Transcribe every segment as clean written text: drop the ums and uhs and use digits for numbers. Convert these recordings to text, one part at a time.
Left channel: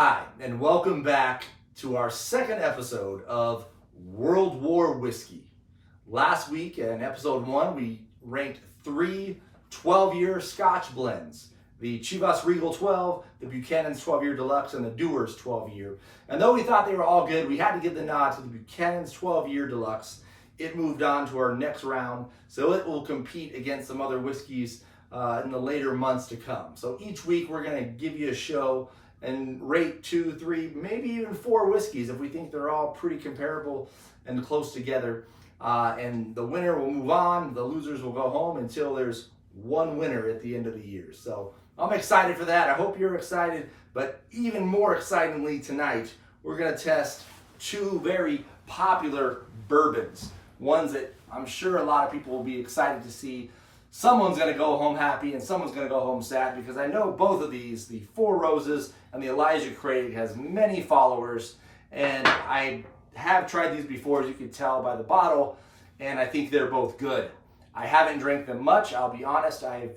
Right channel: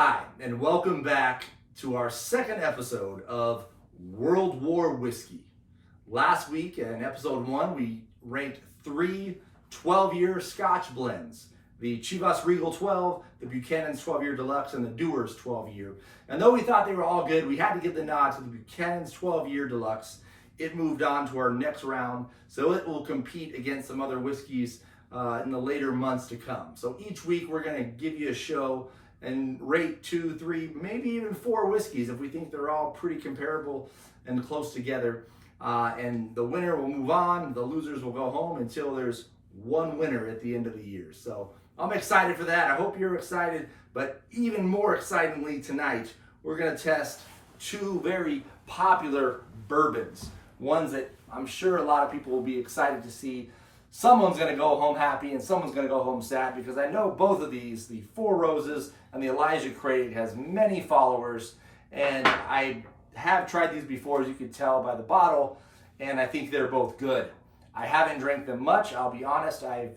Hi, and welcome back to our second episode of World War Whiskey. Last week in episode 1, we ranked 3 12-year Scotch blends. The Chivas Regal 12, the Buchanan's 12-year Deluxe, and the Dewar's 12-year. And though we thought they were all good, we had to give the nod to the Buchanan's 12-year Deluxe. It moved on to our next round, so it will compete against some other whiskeys in the later months to come. So each week we're going to give you a show and rate 2, 3, maybe even 4 whiskeys if we think they're all pretty comparable and close together. And the winner will move on, the losers will go home until there's one winner at the end of the year. So I'm excited for that. I hope you're excited, but even more excitingly tonight, we're gonna test 2 very popular bourbons. Ones that I'm sure a lot of people will be excited to see. Someone's going to go home happy and someone's going to go home sad, because I know both of these, the Four Roses and the Elijah Craig, has many followers, and I have tried these before, as you can tell by the bottle, and I think they're both good. I haven't drank them much, I'll be honest. I've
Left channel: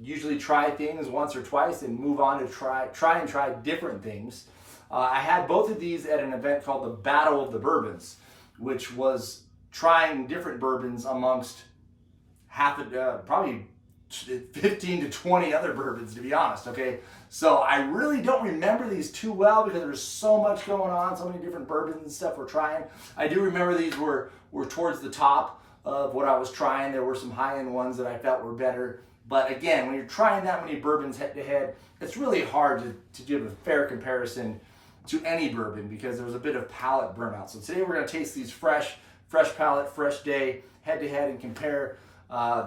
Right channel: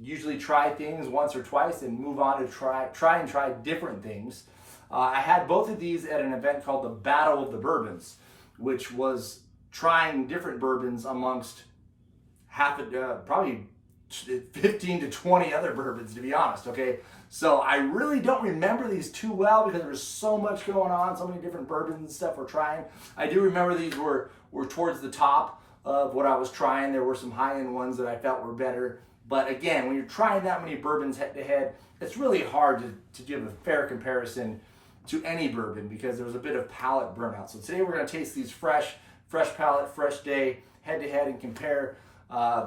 usually tried things once or twice and move on to try different things. I had both of these at an event called the Battle of the Bourbons, which was trying different bourbons amongst probably 15 to 20 other bourbons, to be honest, okay? So I really don't remember these too well because there was so much going on, so many different bourbons and stuff we're trying. I do remember these were towards the top of what I was trying. There were some high-end ones that I felt were better. But again, when you're trying that many bourbons head-to-head, it's really hard to give a fair comparison to any bourbon because there was a bit of palate burnout. So today we're going to taste these fresh palate, fresh day, head-to-head, and compare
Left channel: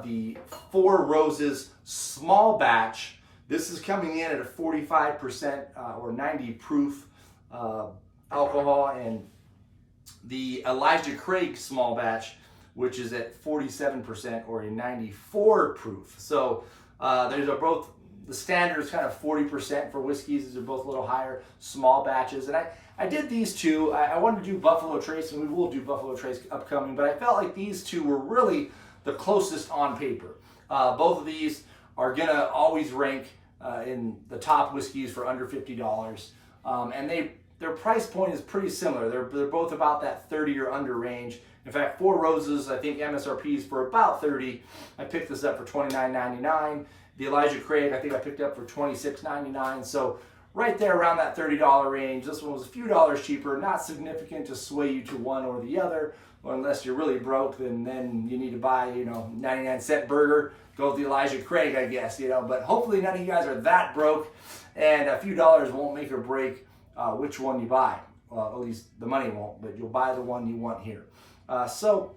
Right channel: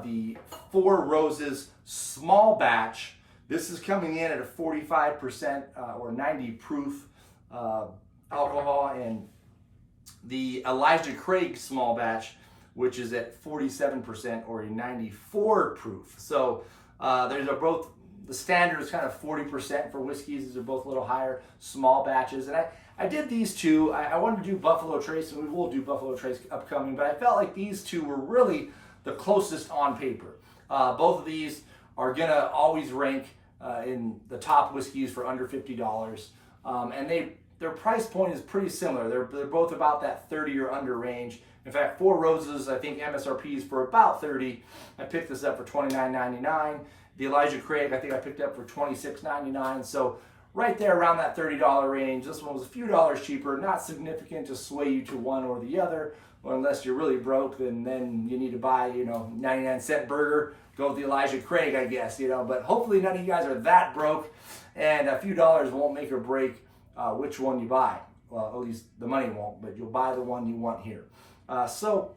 the Four Roses small batch. This is coming in at a 45% or 90 proof alcohol, and the Elijah Craig small batch, which is at 47% or a 94 proof. So these are both, the standard is kind of 40% for whiskeys. These are both a little higher, small batches. And I did these two. I wanted to do Buffalo Trace, and we will do Buffalo Trace upcoming, but I felt like these two were really the closest on paper. Both of these are gonna always rank in the top whiskeys for under $50, and their price point is pretty similar. They're both about that 30 or under range. In fact, Four Roses, I think MSRP is for about 30. I picked this up for $29.99. The Elijah Craig, I think I picked up for $26.99. So right there around that $30 range. This one was a few dollars cheaper, not significant to sway you to one or the other. Well, unless you're really broke, then you need to buy, 99-cent burger. Go with the Elijah Craig, I guess, But hopefully none of you guys are that broke, and a few dollars won't make or break which one you buy. Well, at least the money won't, but you'll buy the one you want here. So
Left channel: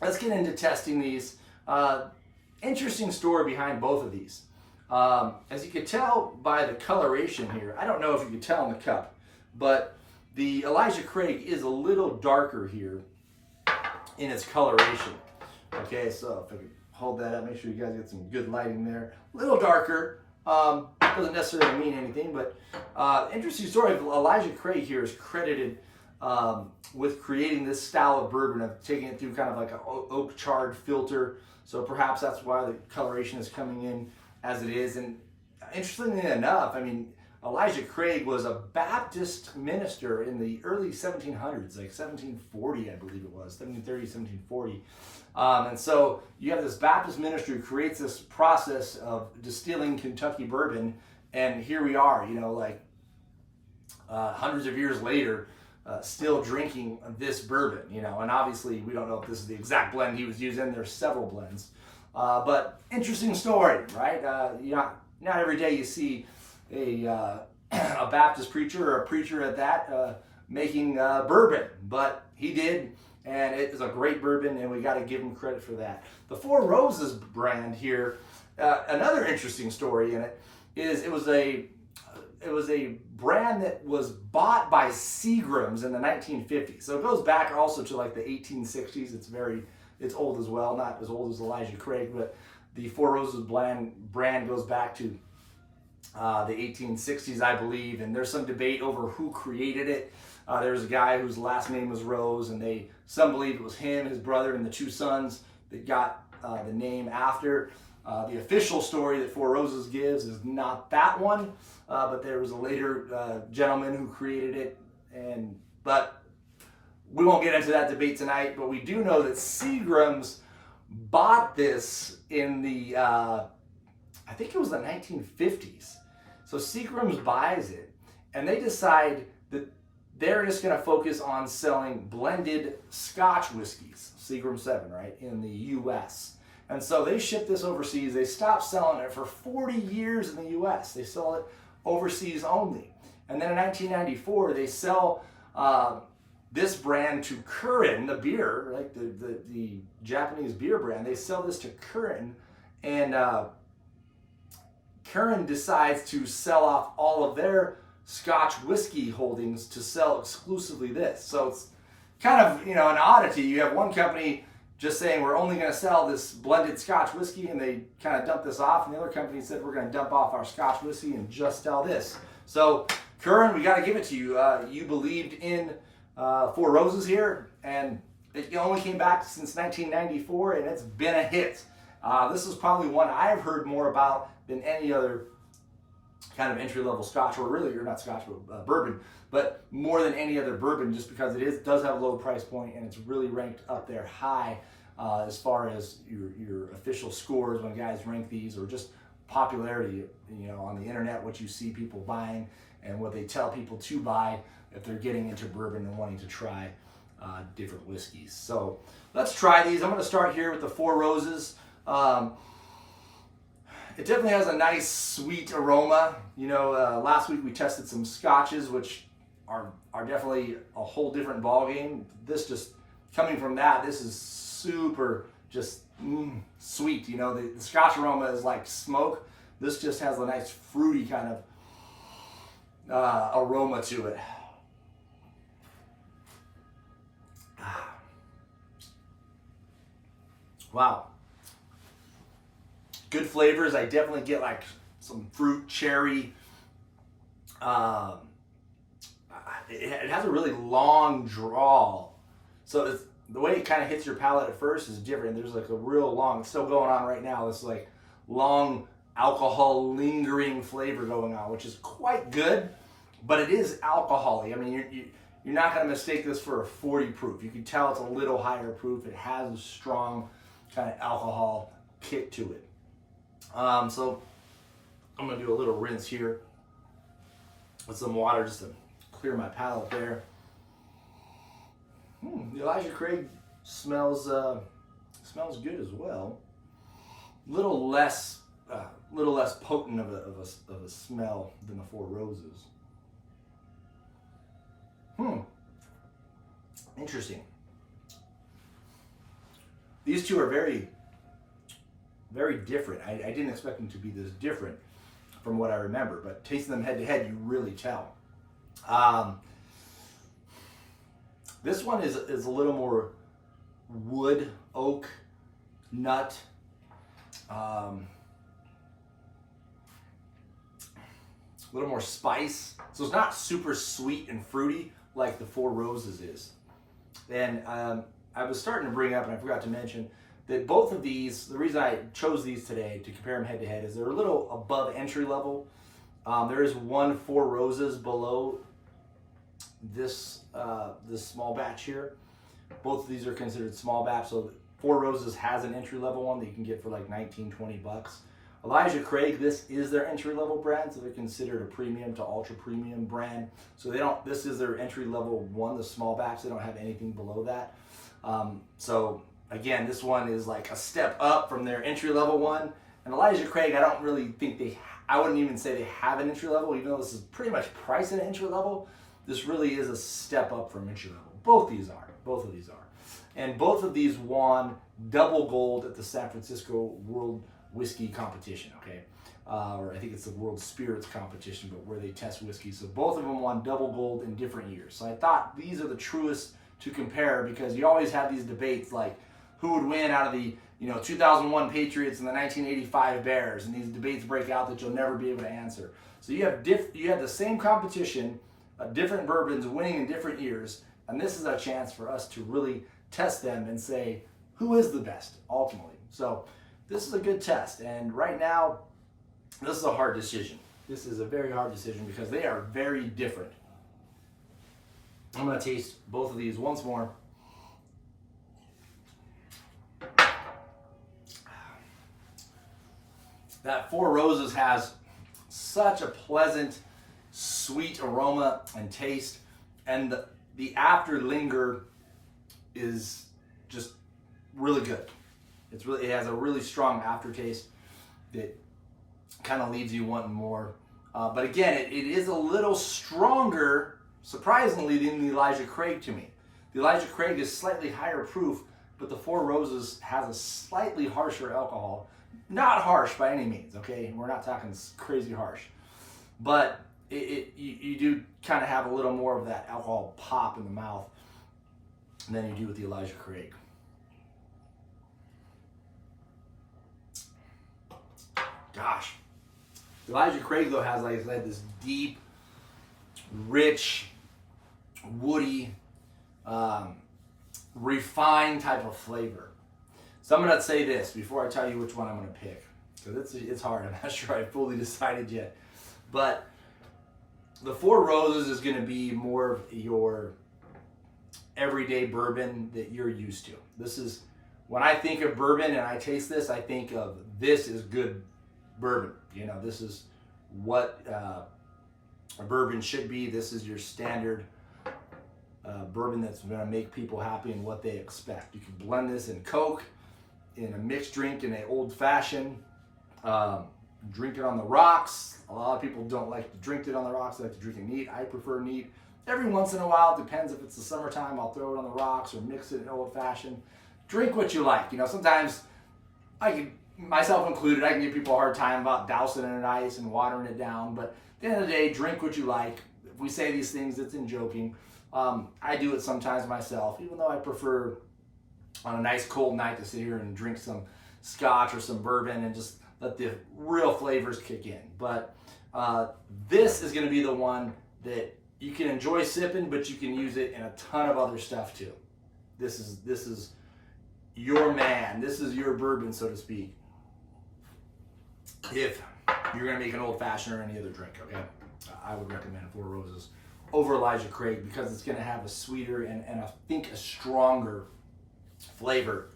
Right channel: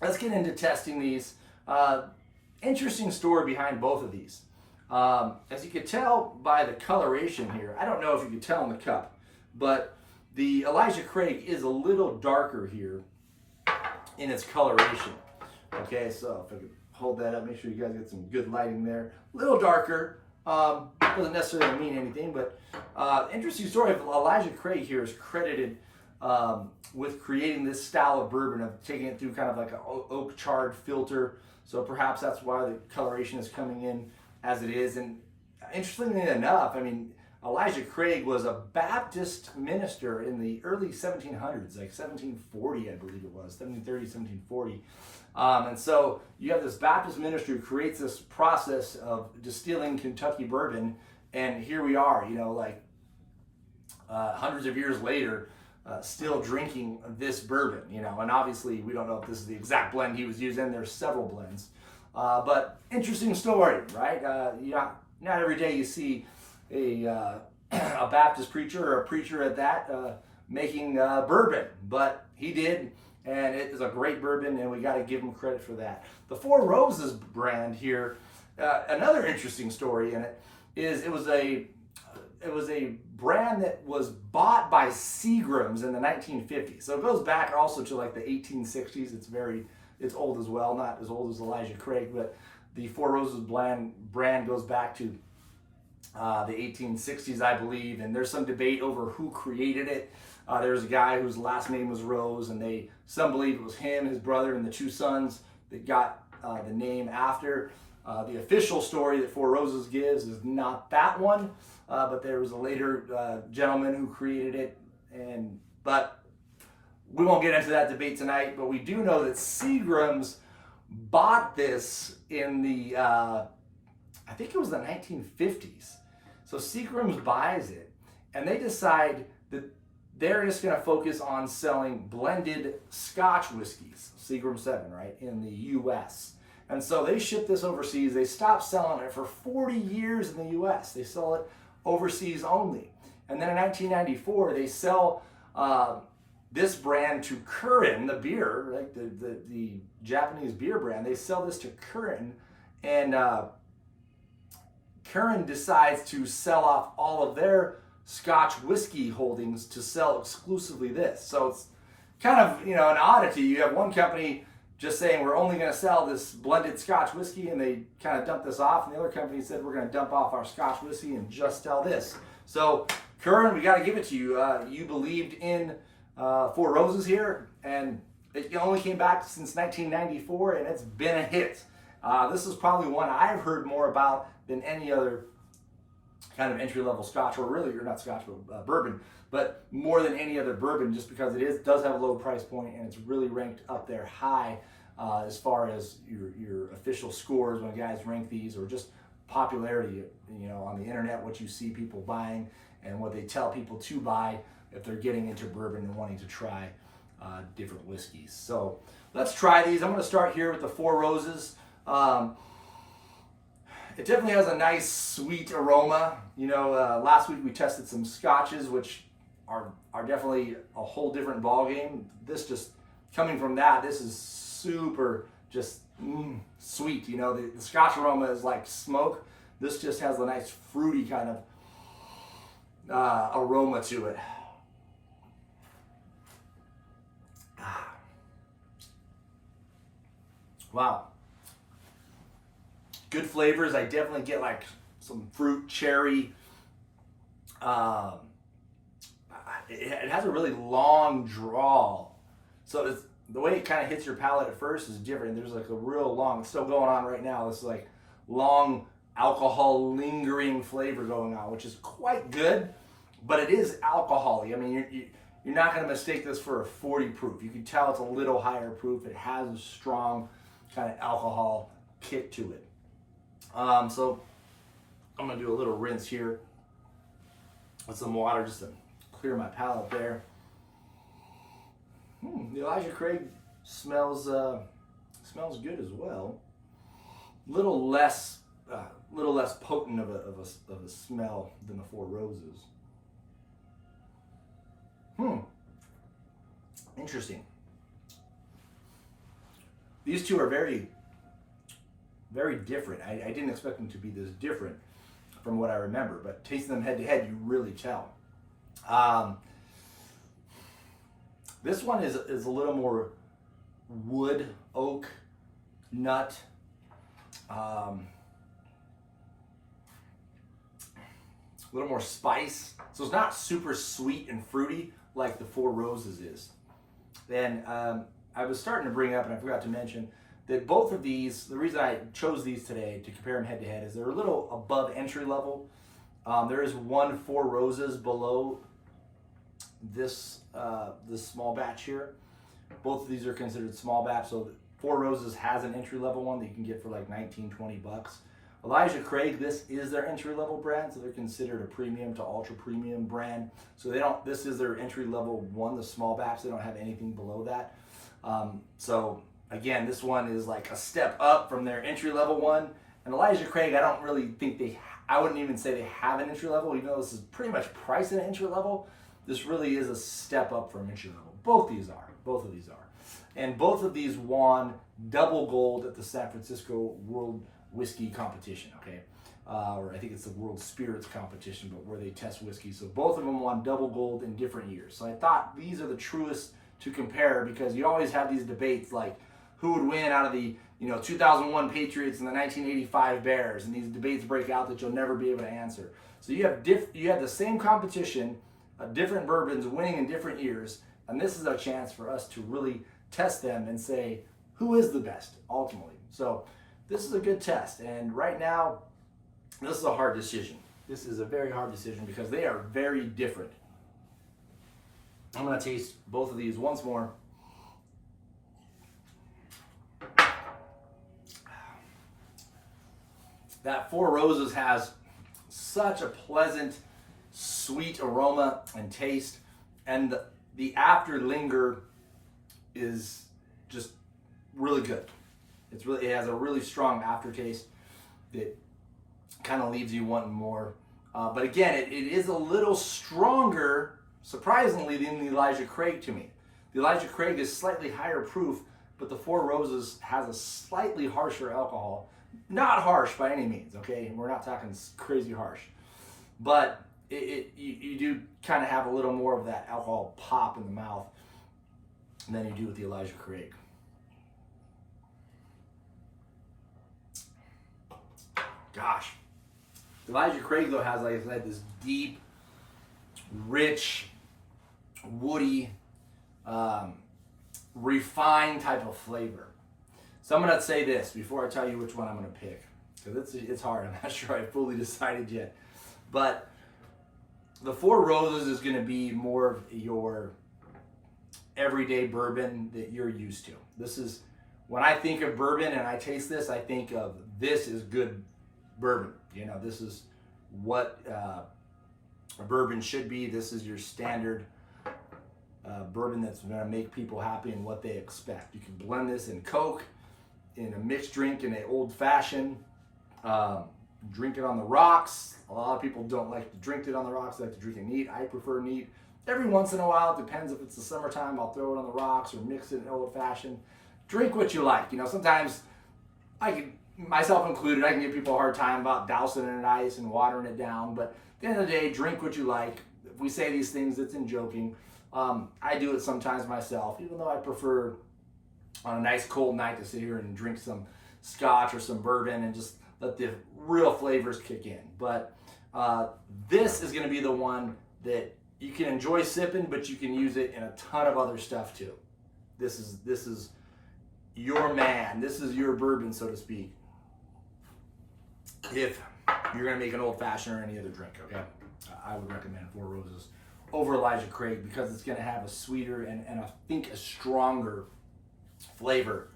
let's get into testing these. Interesting story behind both of these. As you can tell by the coloration here, I don't know if you can tell in the cup, but the Elijah Craig is a little darker here in its coloration. Okay, so if I could hold that up, make sure you guys get some good lighting there. A little darker, doesn't necessarily mean anything, but interesting story. Elijah Craig here is credited with creating this style of bourbon, of taking it through kind of like an oak charred filter. So perhaps that's why the coloration is coming in as it is. And interestingly enough, Elijah Craig was a Baptist minister in the early 1700s, like 1740, I believe it was, 1730, 1740. And so you have this Baptist ministry who creates this process of distilling Kentucky bourbon, and here we are, hundreds of years later, still drinking this bourbon, and obviously we don't know if this is the exact blend he was using. There's several blends, but interesting story, right? Not every day you see a Baptist preacher, or a preacher at that, making bourbon, but he did, and it is a great bourbon, and we got to give him credit for that. The Four Roses brand here, another interesting story in it is it was a brand that was bought by Seagrams in the 1950s. So it goes back also to like the 1860s. It's old as well, not as old as Elijah Craig, but the Four Roses brand goes back to the 1860s, I believe, and there's some debate over who created it. There's a guy whose last name was Rose, and some believe it was him, his brother, and the 2 sons that got the name after. The official story that Four Roses gives is not that one, but there was a later gentleman who created it. But we won't get into that debate tonight. But we do know that Seagram's bought this in the, I think it was the 1950s. So Seagram's buys it, and they decide that they're just going to focus on selling blended Scotch whiskeys, Seagram 7, right, in the U.S. And so they ship this overseas. They stopped selling it for 40 years in the U.S. They sell it overseas only. And then in 1994, they sell this brand to Kirin, the beer, like the Japanese beer brand. They sell this to Kirin, and Kirin decides to sell off all of their Scotch whiskey holdings to sell exclusively this. So it's kind of, an oddity. You have one company just saying we're only going to sell this blended Scotch whiskey, and they kind of dump this off, and the other company said we're going to dump off our Scotch whiskey and just sell this. So Kirin, we got to give it to you. You believed in Four Roses here, and it only came back since 1994, and it's been a hit. This is probably one I've heard more about than any other kind of entry-level Scotch, or really, you're not Scotch, but bourbon, but more than any other bourbon, just because it does have a low price point, and it's really ranked up there high as far as your official scores when guys rank these, or just popularity, on the internet, what you see people buying and what they tell people to buy if they're getting into bourbon and wanting to try different whiskeys. So let's try these. I'm going to start here with the Four Roses. It definitely has a nice sweet aroma. Last week we tested some scotches, which are definitely a whole different ballgame. This just coming from that, this is super just sweet. The scotch aroma is like smoke. This just has a nice fruity kind of aroma to it. Wow. Good flavors. I definitely get like some fruit, cherry. It has a really long draw. So the way it kind of hits your palate at first is different. There's like a real long, it's still going on right now, this like long alcohol lingering flavor going on, which is quite good, but it is alcohol-y. I mean, you're not going to mistake this for a 40 proof. You can tell it's a little higher proof. It has a strong kind of alcohol kick to it. So I'm going to do a little rinse here with some water just to clear my palate there. The Elijah Craig smells good as well. Little less potent of a smell than the Four Roses. Interesting. These two are very, very different. I didn't expect them to be this different from what I remember, but tasting them head to head, you really tell. This one is a little more wood, oak, nut. A little more spice. So it's not super sweet and fruity like the Four Roses is. And I was starting to bring up, and I forgot to mention, that both of these, the reason I chose these today to compare them head to head is they're a little above entry level. There is one Four Roses below this small batch here. Both of these are considered small batch, so Four Roses has an entry level one that you can get for like 19-20 bucks. Elijah Craig, this is their entry level brand, so they're considered a premium to ultra premium brand. So this is their entry level one, the small batch. They don't have anything below that. So again, this one is like a step up from their entry level one. And Elijah Craig, I don't really think I wouldn't even say they have an entry level, even though this is pretty much priced at an entry level. This really is a step up from entry level. Both of these are. And both of these won double gold at the San Francisco World Whiskey Competition, okay? Or I think it's the World Spirits Competition, but where they test whiskey. So both of them won double gold in different years. So I thought these are the truest to compare, because you always have these debates like who would win out of the 2001 Patriots and the 1985 Bears, and these debates break out that you'll never be able to answer. So you have the same competition, different bourbons winning in different years, and this is a chance for us to really test them and say who is the best ultimately. So this is a good test. And right now, this is a hard decision. This is a very hard decision because they are very different. I'm going to taste both of these once more. That Four Roses has such a pleasant, sweet aroma and taste, and the after linger is just really good. It has a really strong aftertaste that kind of leaves you wanting more. But again, it is a little stronger, surprisingly, than the Elijah Craig to me. The Elijah Craig is slightly higher proof, but the Four Roses has a slightly harsher alcohol. Not harsh by any means, okay? We're not talking crazy harsh. But you do kind of have a little more of that alcohol pop in the mouth than you do with the Elijah Craig. Gosh. The Elijah Craig, though, has, like I said, this deep, rich, woody, refined type of flavor. So I'm going to say this before I tell you which one I'm going to pick, because it's hard. I'm not sure I fully decided yet. But the Four Roses is going to be more of your everyday bourbon that you're used to. This is, when I think of bourbon and I taste this, I think of this is good bourbon. You know, this is what a bourbon should be. This is your standard bourbon that's going to make people happy and what they expect. You can blend this in Coke, in a mixed drink, in an old fashioned, drink it on the rocks. A lot of people don't like to drink it on the rocks, they like to drink it neat. I prefer neat. Every once in a while, it depends if it's the summertime, I'll throw it on the rocks or mix it in old fashioned. Drink what you like. You know, sometimes I can, myself included, I can give people a hard time about dousing it in ice and watering it down, but at the end of the day, drink what you like. If we say these things, it's in joking. I do it sometimes myself, even though I prefer on a nice cold night to sit here and drink some scotch or some bourbon and just let the real flavors kick in. But this is going to be the one that you can enjoy sipping, but you can use it in a ton of other stuff too. This is your man. This is your bourbon, so to speak. If you're going to make an old fashioned or any other drink, okay? I would recommend Four Roses over Elijah Craig because it's going to have a sweeter and I think a stronger flavor,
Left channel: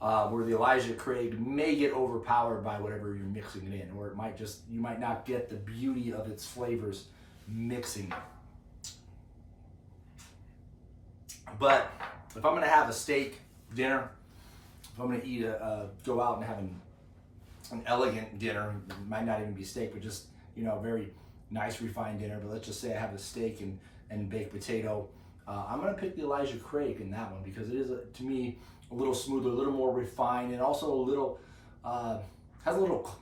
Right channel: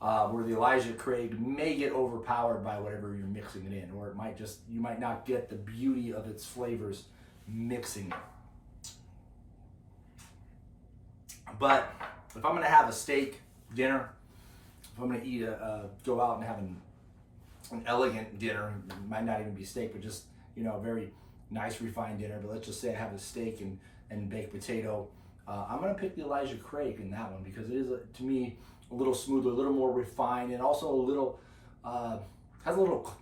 where the Elijah Craig may get overpowered by whatever you're mixing it in, or it might just, you might not get the beauty of its flavors mixing it. But if I'm going to have a steak dinner, if I'm going to eat go out and have an elegant dinner, it might not even be steak, but just, you know, a very nice refined dinner, but let's just say I have a steak and baked potato, I'm going to pick the Elijah Craig in that one because it is, to me, a little smoother, a little more refined, and also a little, has a little,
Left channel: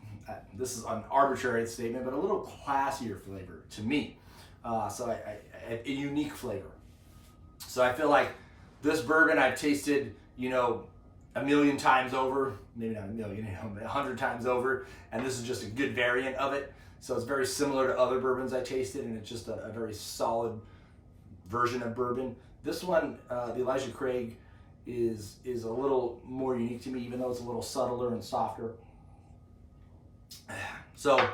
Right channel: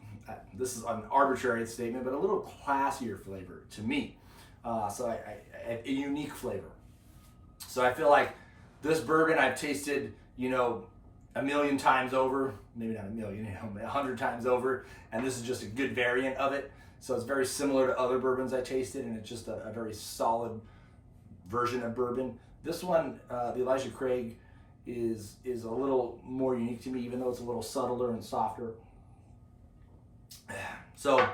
this is an arbitrary statement, but a little classier flavor to me. So a unique flavor. So I feel like this bourbon I've tasted, you know, a million times over, maybe not a million, you know, 100 times over, and this is just a good variant of it. So it's very similar to other bourbons I tasted, and it's just a very solid version of bourbon. This one, the Elijah Craig, is a little more unique to me, even though it's a little subtler and softer. So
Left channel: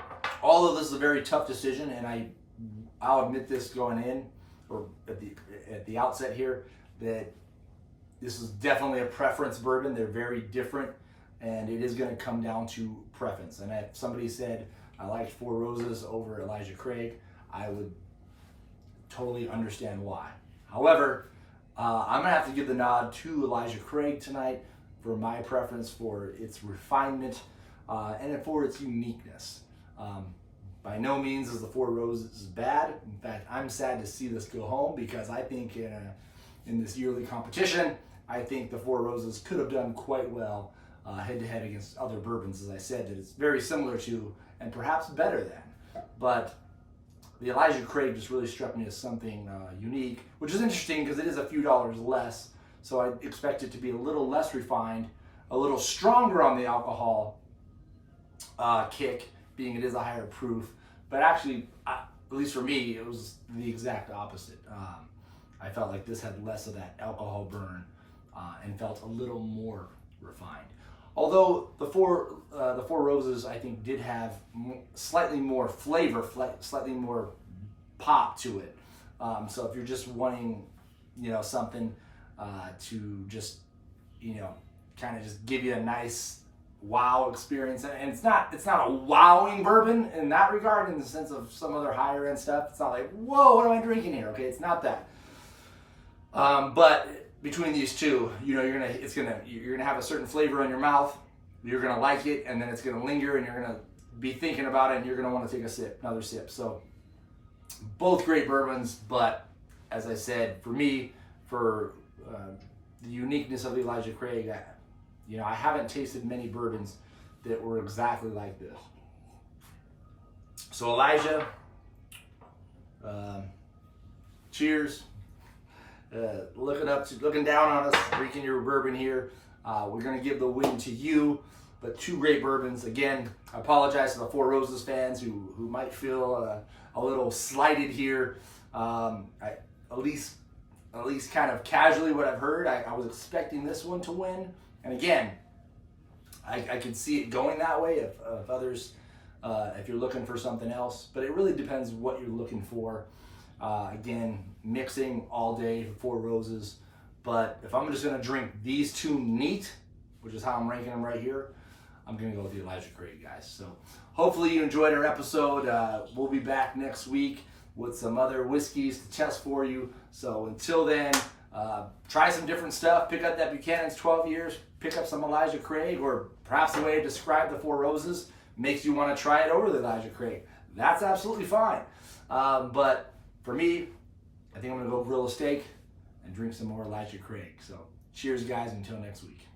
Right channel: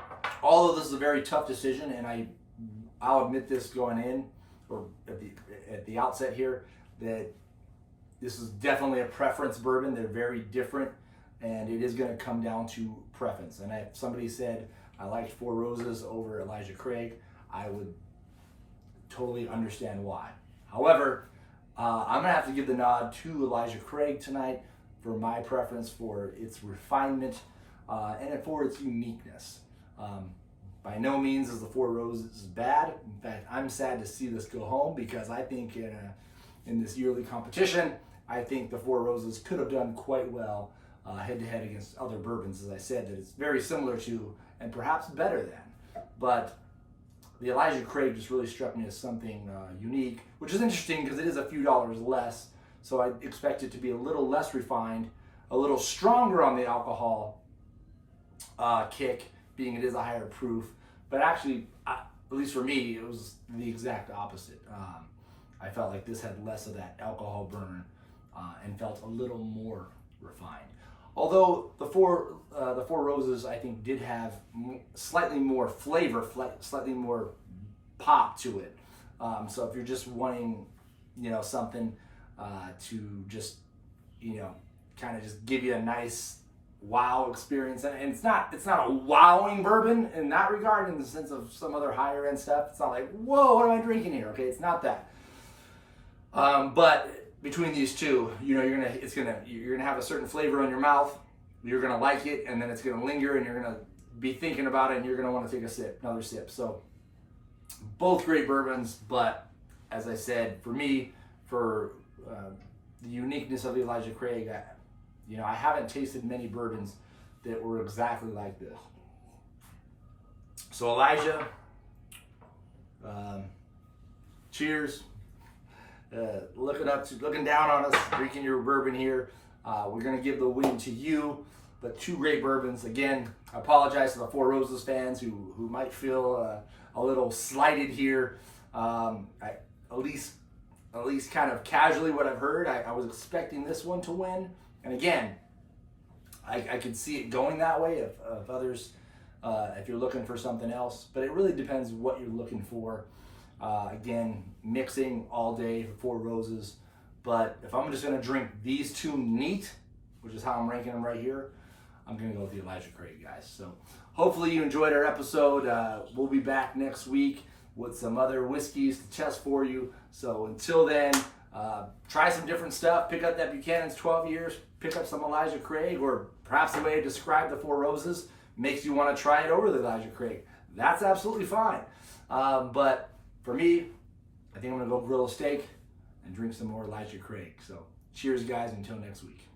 all of this is a very tough decision, and I'll admit this going in, or at the outset here, that this is definitely a preference bourbon. They're very different, and it is going to come down to preference. And if somebody said I liked Four Roses over Elijah Craig, I would totally understand why. However, I'm gonna have to give the nod to Elijah Craig tonight for my preference for its refinement and for its uniqueness. By no means is the Four Roses bad. In fact, I'm sad to see this go home because I think in this yearly competition, I think the Four Roses could have done quite well head to head against other bourbons, as I said, that it's very similar to and perhaps better than. But the Elijah Craig just really struck me as something unique, which is interesting because it is a few dollars less. So I expect it to be a little less refined, a little stronger on the alcohol kick, being it is a higher proof. But actually, at least for me, it was the exact opposite. I felt like this had less of that alcohol burn and felt a little more refined. Although the Four Roses, I think, did have slightly more flavor, slightly more pop to it. So if you're just wanting, something to just, kind of just give you a nice wow experience, and it's not a wowing bourbon in that regard, in the sense of some other higher end stuff. It's not like, whoa, what am I drinking here? Okay, it's not that. But between these two, you're gonna have a certain flavor in your mouth. You're gonna like it, and then it's gonna linger, and you're gonna be thinking about it, and you're gonna want to take another sip. So both great bourbons, but as I said, for me, for the uniqueness of the Elijah Craig, I haven't tasted many bourbons that were exactly like this. So Elijah, cheers. Looking down on us, drinking your bourbon here. We're gonna give the win to you, but two great bourbons. Again, I apologize to the Four Roses fans who might feel a little slighted here. At least kind of casually what I've heard, I was expecting this one to win. And again, I could see it going that way if others, if you're looking for something else. But it really depends what you're looking for. Again, mixing all day, Four Roses. But if I'm just going to drink these two neat, which is how I'm ranking them right here, I'm going to go with the Elijah Craig, guys. So hopefully you enjoyed our episode. We'll be back next week with some other whiskeys to test for you. So until then, try some different stuff. Pick up that Buchanan's 12 years. Pick up some Elijah Craig, or perhaps the way I described the Four Roses makes you want to try it over the Elijah Craig. That's absolutely fine. But for me, I think I'm going to go grill a steak and drink some more Elijah Craig. So cheers, guys, until next week.